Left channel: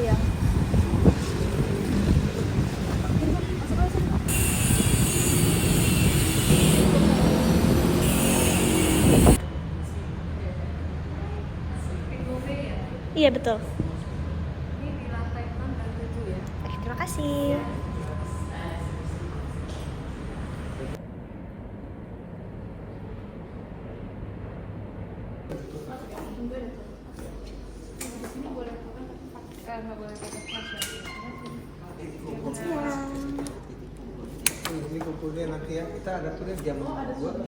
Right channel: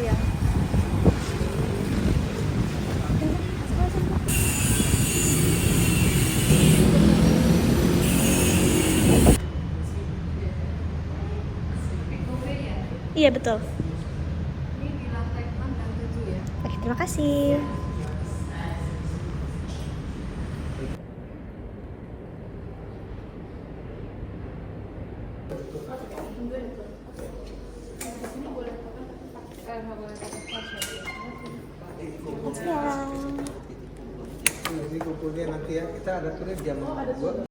Iya. Iya betul. Ini di lantai 6 dan 7 ya. Oke, terima kasih. Ini kumpulnya nanti ya, kita ada tulis jam 2.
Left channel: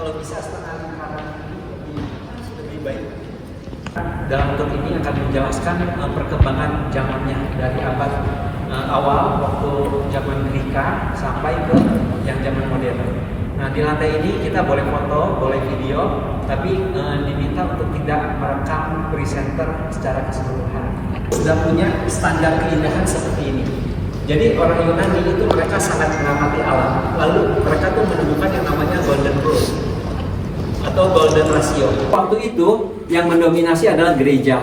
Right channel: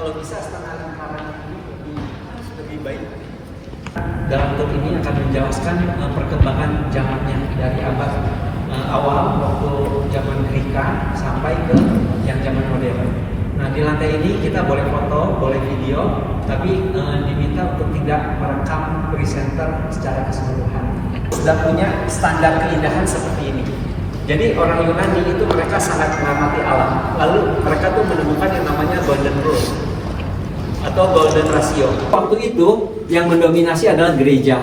Kalau bisa setengah lingkaran lebih baik. Dalam tour ini akan menjelaskan perkembangan zamannya dari abad awal waktu zaman Greka sampai ke yang zaman modern. Nah, di lantai ini kita boleh foto, boleh video, tapi diminta untuk tidak merekam presenter secara keseluruhan. Sudah punya standar keindahan seperti ini. Jadi orang Yunani itu mereka sangat mengamati alam. Lalu mereka tuh menemukan yang namanya golden rule atau golden ratio. Waktu itu yang mendominasi adalah gereja.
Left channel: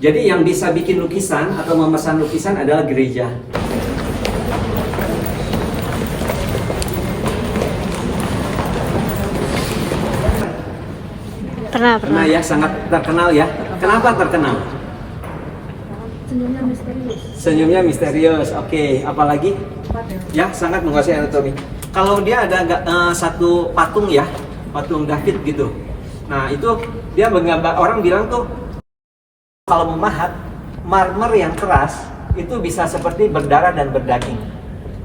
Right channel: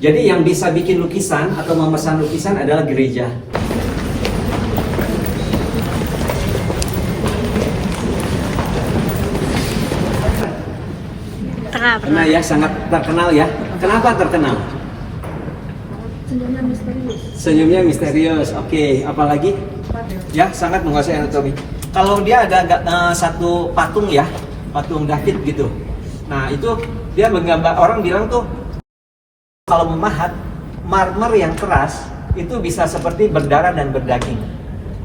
Jadi yang bisa bikin lukisan atau memesan lukisan adalah gereja. Pernah ya, sangat terkenal ya. Kenapa terkenal? Senyumnya misterius. Senyumnya misterius. Oke, apalagi? Ya, sangat menguasai anatomi. Kalau dia ada satu patung ya, patung David gitu. Nah, itu dia menggambar, orang bilang tuh kalau memahat marmer yang keras itu bisa seperti berdarah dan berdaging.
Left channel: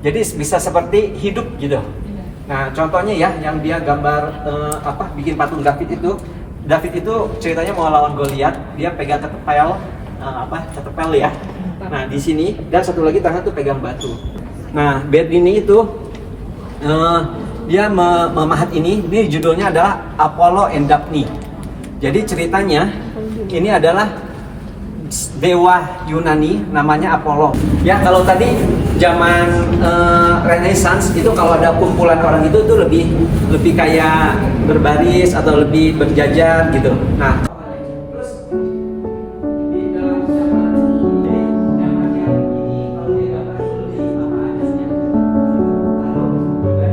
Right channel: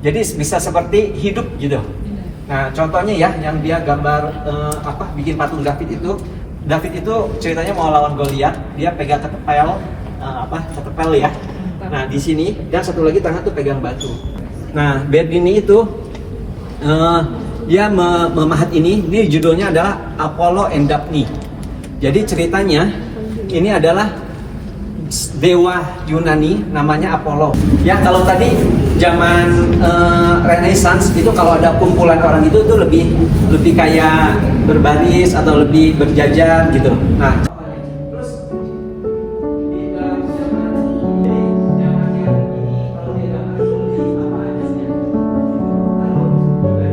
Jadi bisa seperti hidup gitu. Nah, contohnya ya yang dia gambar bikin patung David itu. David itu ceritanya mau lawan Goliat, dia pegang ketepel ketepel ya. Nah, di sini dan satu lagi tangan tuh pegang batu. Nah, Berdini itu dia memahat ini judulnya adalah Apollo and Daphne. Jadi ceritanya ini adalah dewa Yunani namanya Apollo. Ya kalau tadi zaman Renaissance itu kalau ada kumpulan orang itu lebih kayak berbaris atau lebih berjajar gitu. Nah, terus di dalam zaman ini kalau dia gambar itu lebih apa aja sih? Lalu juga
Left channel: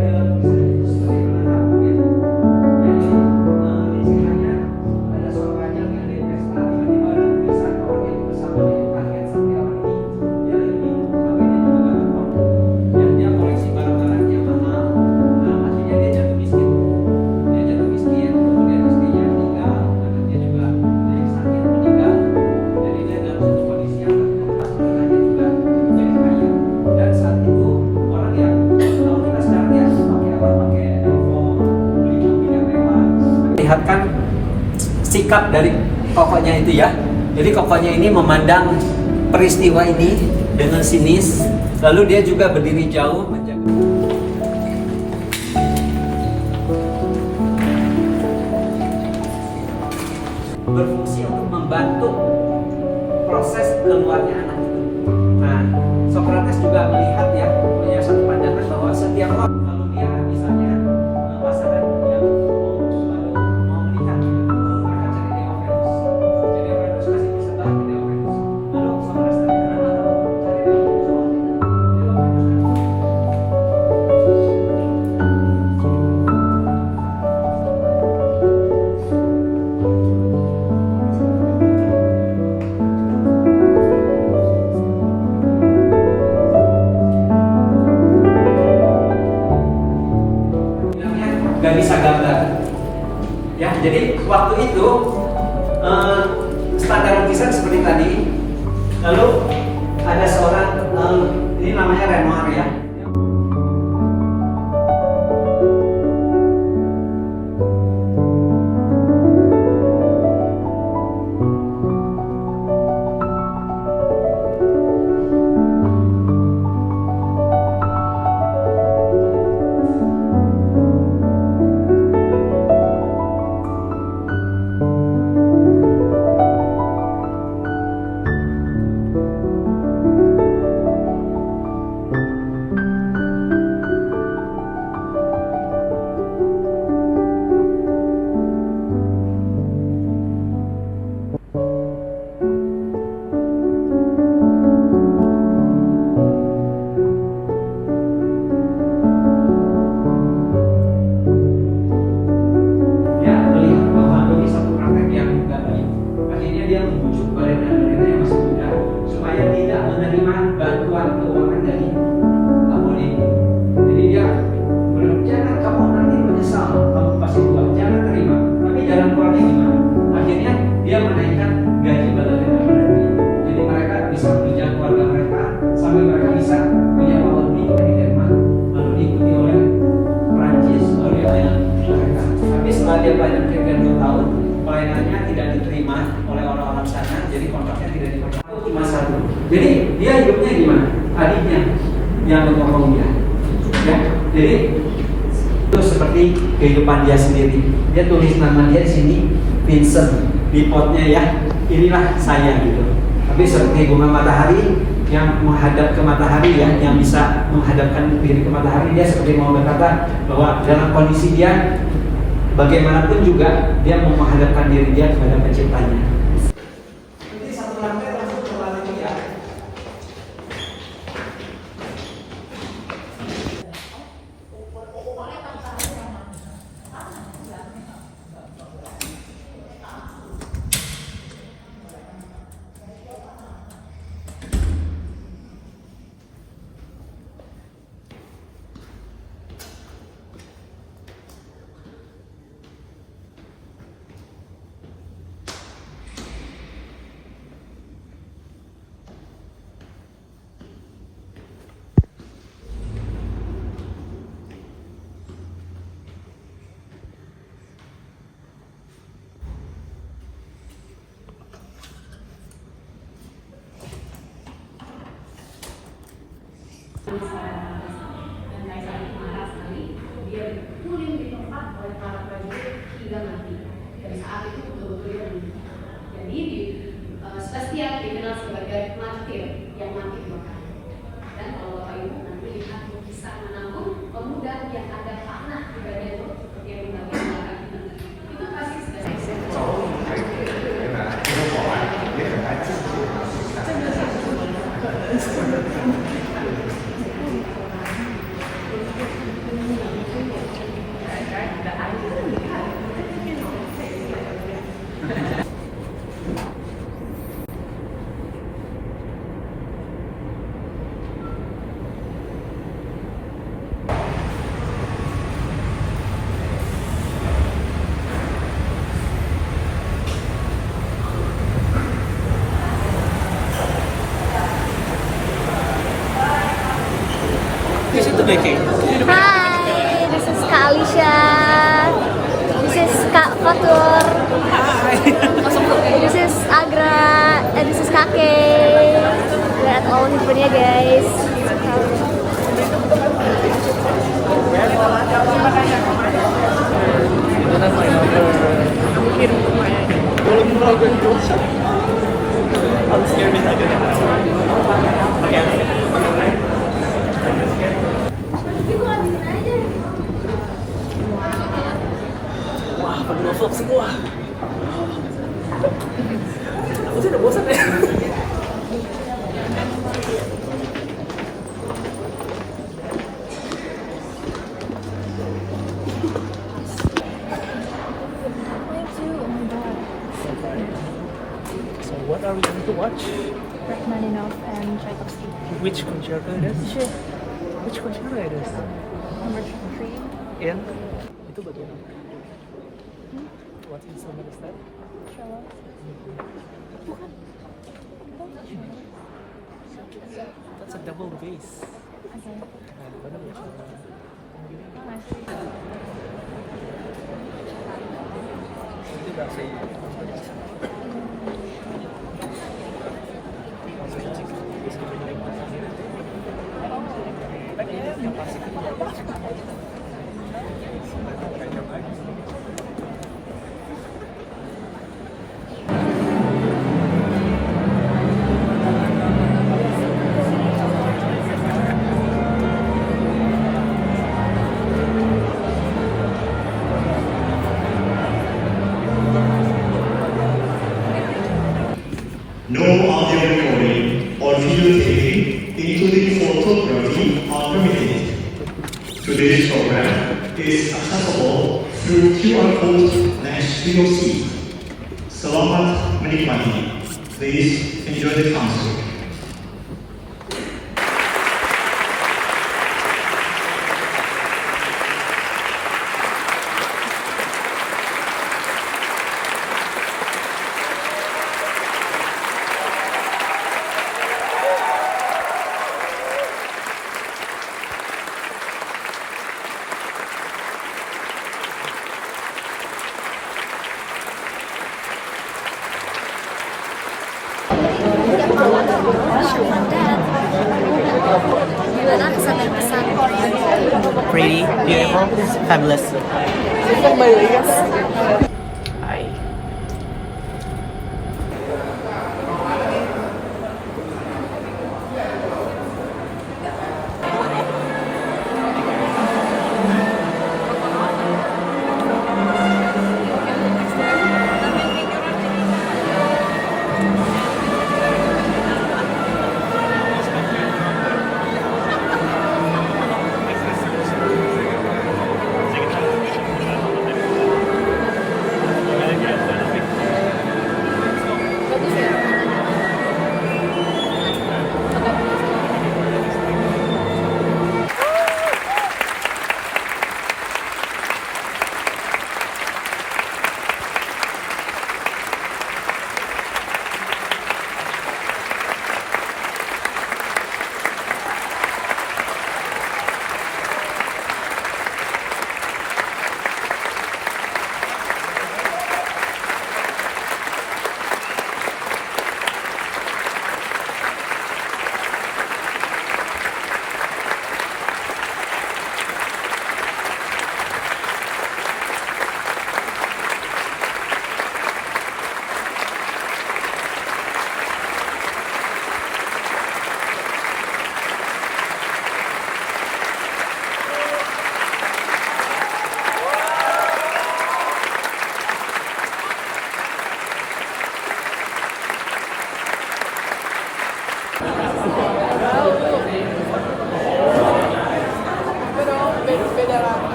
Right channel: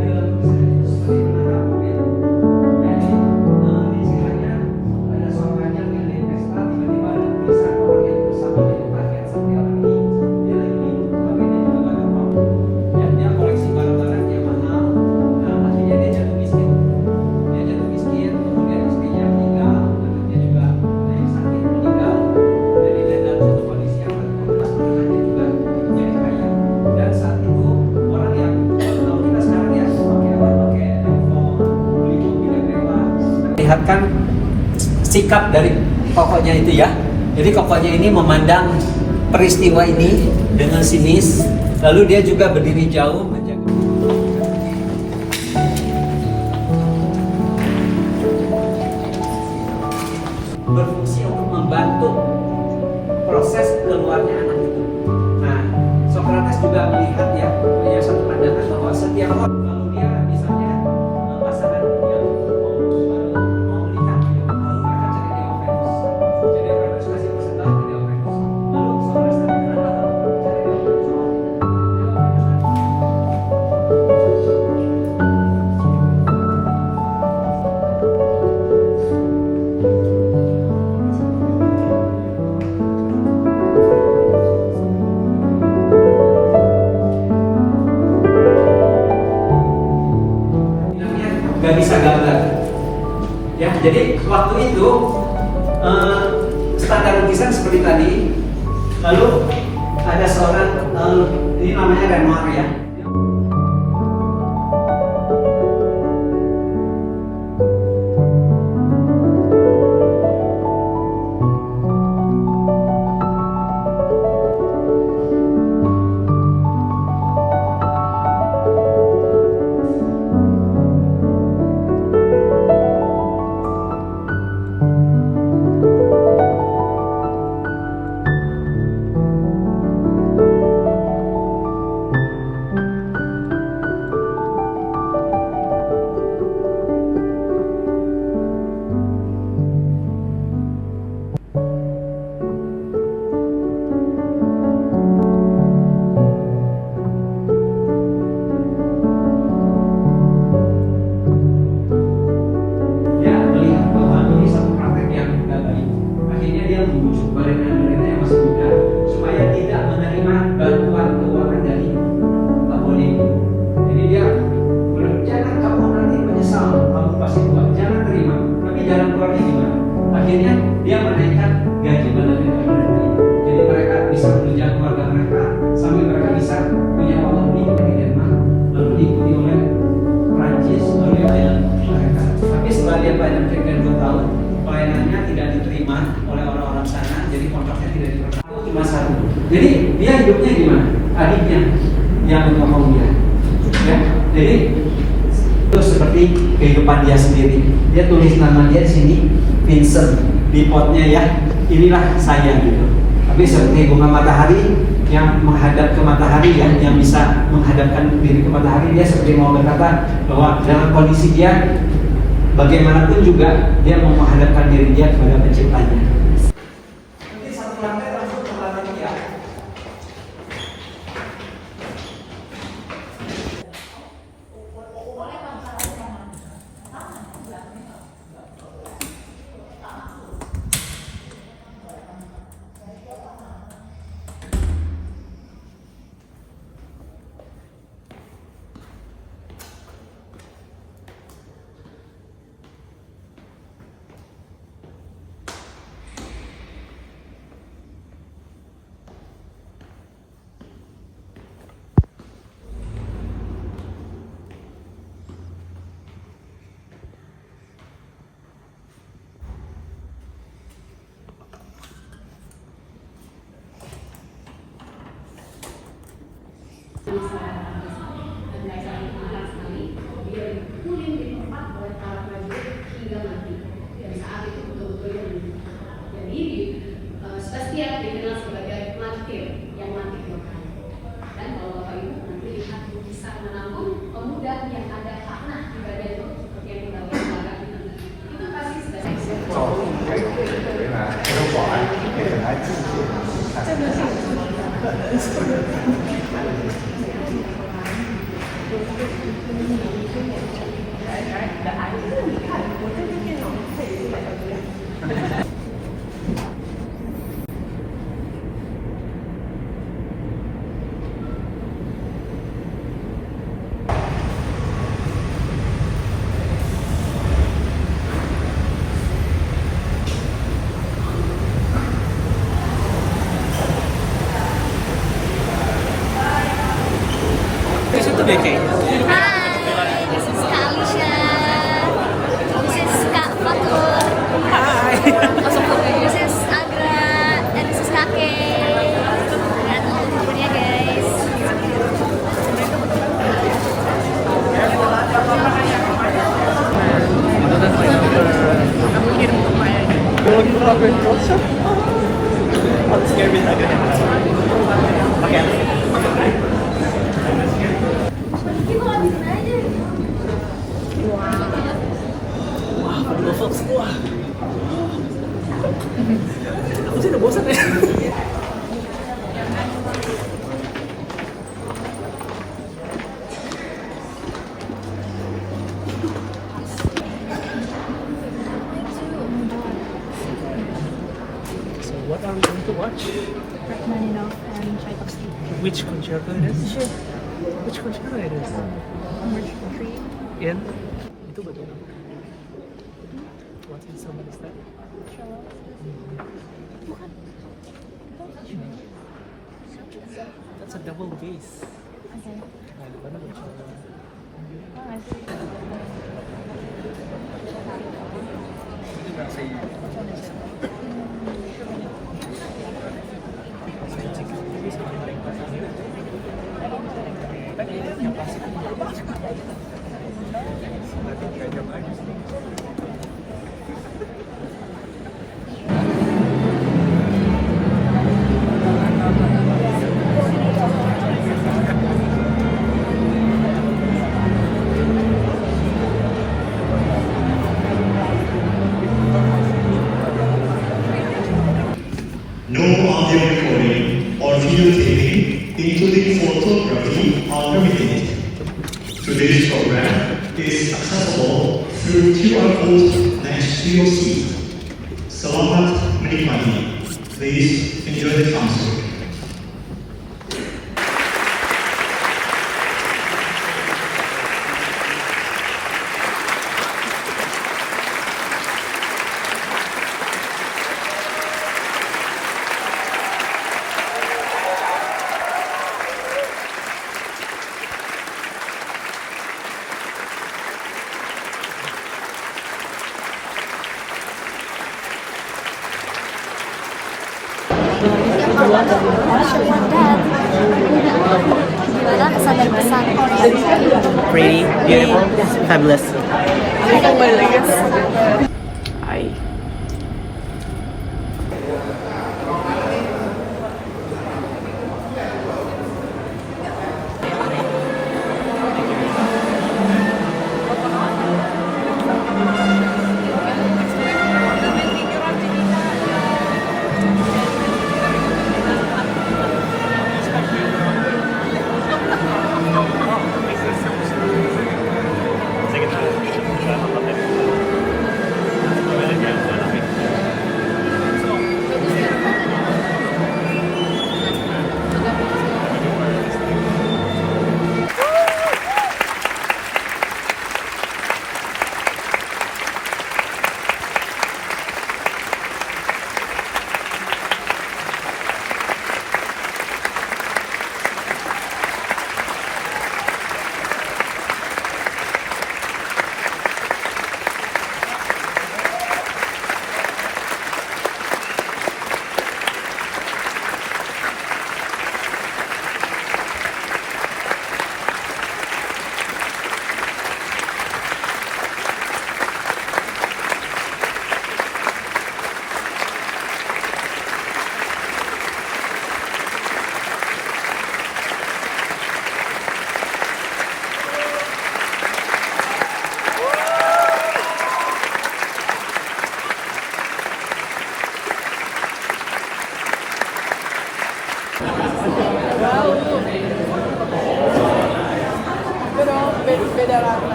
di dalam ada seorang yang tiba-tiba bisa orang yang bersama dengan target sampai orang ini dia lagi dia koleksi barang-barang yang mahal. Nah, akhirnya dia jatuh miskin, kemudian istrinya meninggal dan dia juga dari sakit meninggal. Jadi dia dalam satu kondisi yang terkemas, anaknya juga jadi kaya. Dan saat itu orang yang kalau kita sekarang ya pakai iPhone, beli mobil yang mewah, lihatkan sikap dari kokonya itu ya. Jadi kokonya ini memandang peristiwa ini dengan sinis, lalu dia juga berdiri jauh menjaga. Berfungsi untuk membantu proses keluarnya anak itu. Nah, Socrates juga melihat ya, punya satu pandangan bahwa setiap orang lalu dia misalnya pasangan yang mau menikah gitu, lalu mereka cari Dewa Venus. Jadi Venus kasih persembahan ke Dewa Venus. Lalu Socrates tanya kenapa dong cari Dewa Venus? Dewa Venus nggak bisa gambar ya. Jadi waktu itu standar lukisan seperti tadi. Lalu ada seorang ini namanya Renoir ya. Dia banyak 2 tahun, pelayanannya tidak diterima oleh orang-orang sana, jadi kontraknya tidak diperlukan. Jadi dia hidupnya gimana? Adiknya yang menolong dia. Ya, jadi itu seperti kehidupan dia sendiri. Dia tulis nama dia di sini, Vincent, di potnya ya. Inilah saya gitu. Tapi seperti bunga matahari yang menghadap ke matahari ya, yang bisa menghadapkan diri ke matahari, dia seperti mau berkata bahwa dalam kondisi dia bagaimanapun juga dia mau menghadapkan diri dia kepada penciptanya. Nanti satu lantai langsung ke lantai ya. Dia dipukulin di tempat oleh para prajurit hingga mati. Dan saat itu betul-betul jadi Sebastian dikenal sebagai martir yang mati Tuhan. Dan kalau Bapak Ibu nanti lihat lukisan menantu pemuda yang ada panah di bagian itu seperti yang kita lihat itu pasti Di situ deh kayak. Hi, this is Kak Alicia. This is Kak Fatur. Hai. This is Agra. And this is Kakek. Lihat all handphonenya guys. Vlog semua. Aku sudah bosan ya. So what are we going to watch? Rachmaninoff and Tchaikovsky. Which concerto it is? Sure. Which concerto it is? In? Itu betul. What instrument is that? That's a double bass. Okay. Nah, di mana buat cello? Oh, I see. Itu nggak sih. No audio recording or video taping, including photography, are permitted. Today's program is accessible through QR code next to your seat. Selamat menikmati. Please enjoy the concert. Gimana kesan dan pesan? Pretty, beautiful, fabulous. Hi.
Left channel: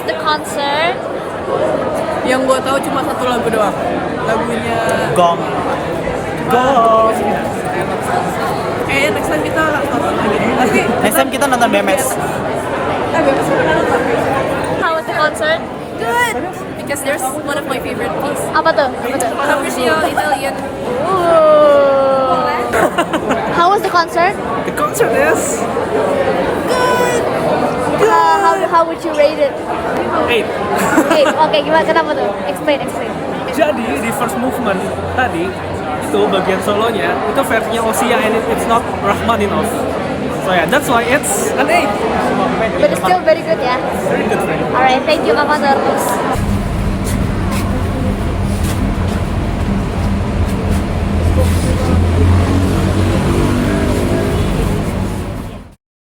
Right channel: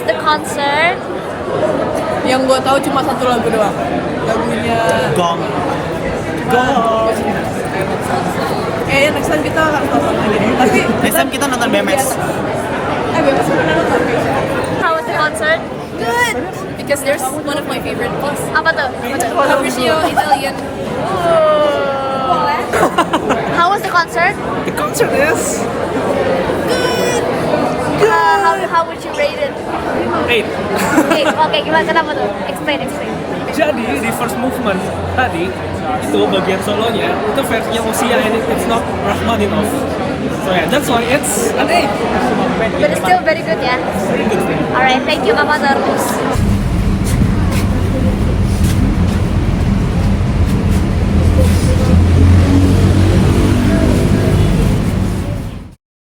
was the concert? Yang gue tahu cuma satu lagu doang. Lagunya Gong. Gong. Next time kita harus nonton. Tapi Next time kita nonton BMX. BMX kita nonton. How was the concert? Good. Because there's one of my favorite piece. Apa tuh? Capriccio Italian. How was the concert? The concert is How would you rate it? 8. Oke, gimana kenapa tuh? Explain. Jadi di first movement tadi itu bagian solonya itu versinya Osia and it's not Rachmaninoff. So yeah, that's why it's an 8. But it's still very good ya. Very good, friend. Alright, thank you Mama Normus.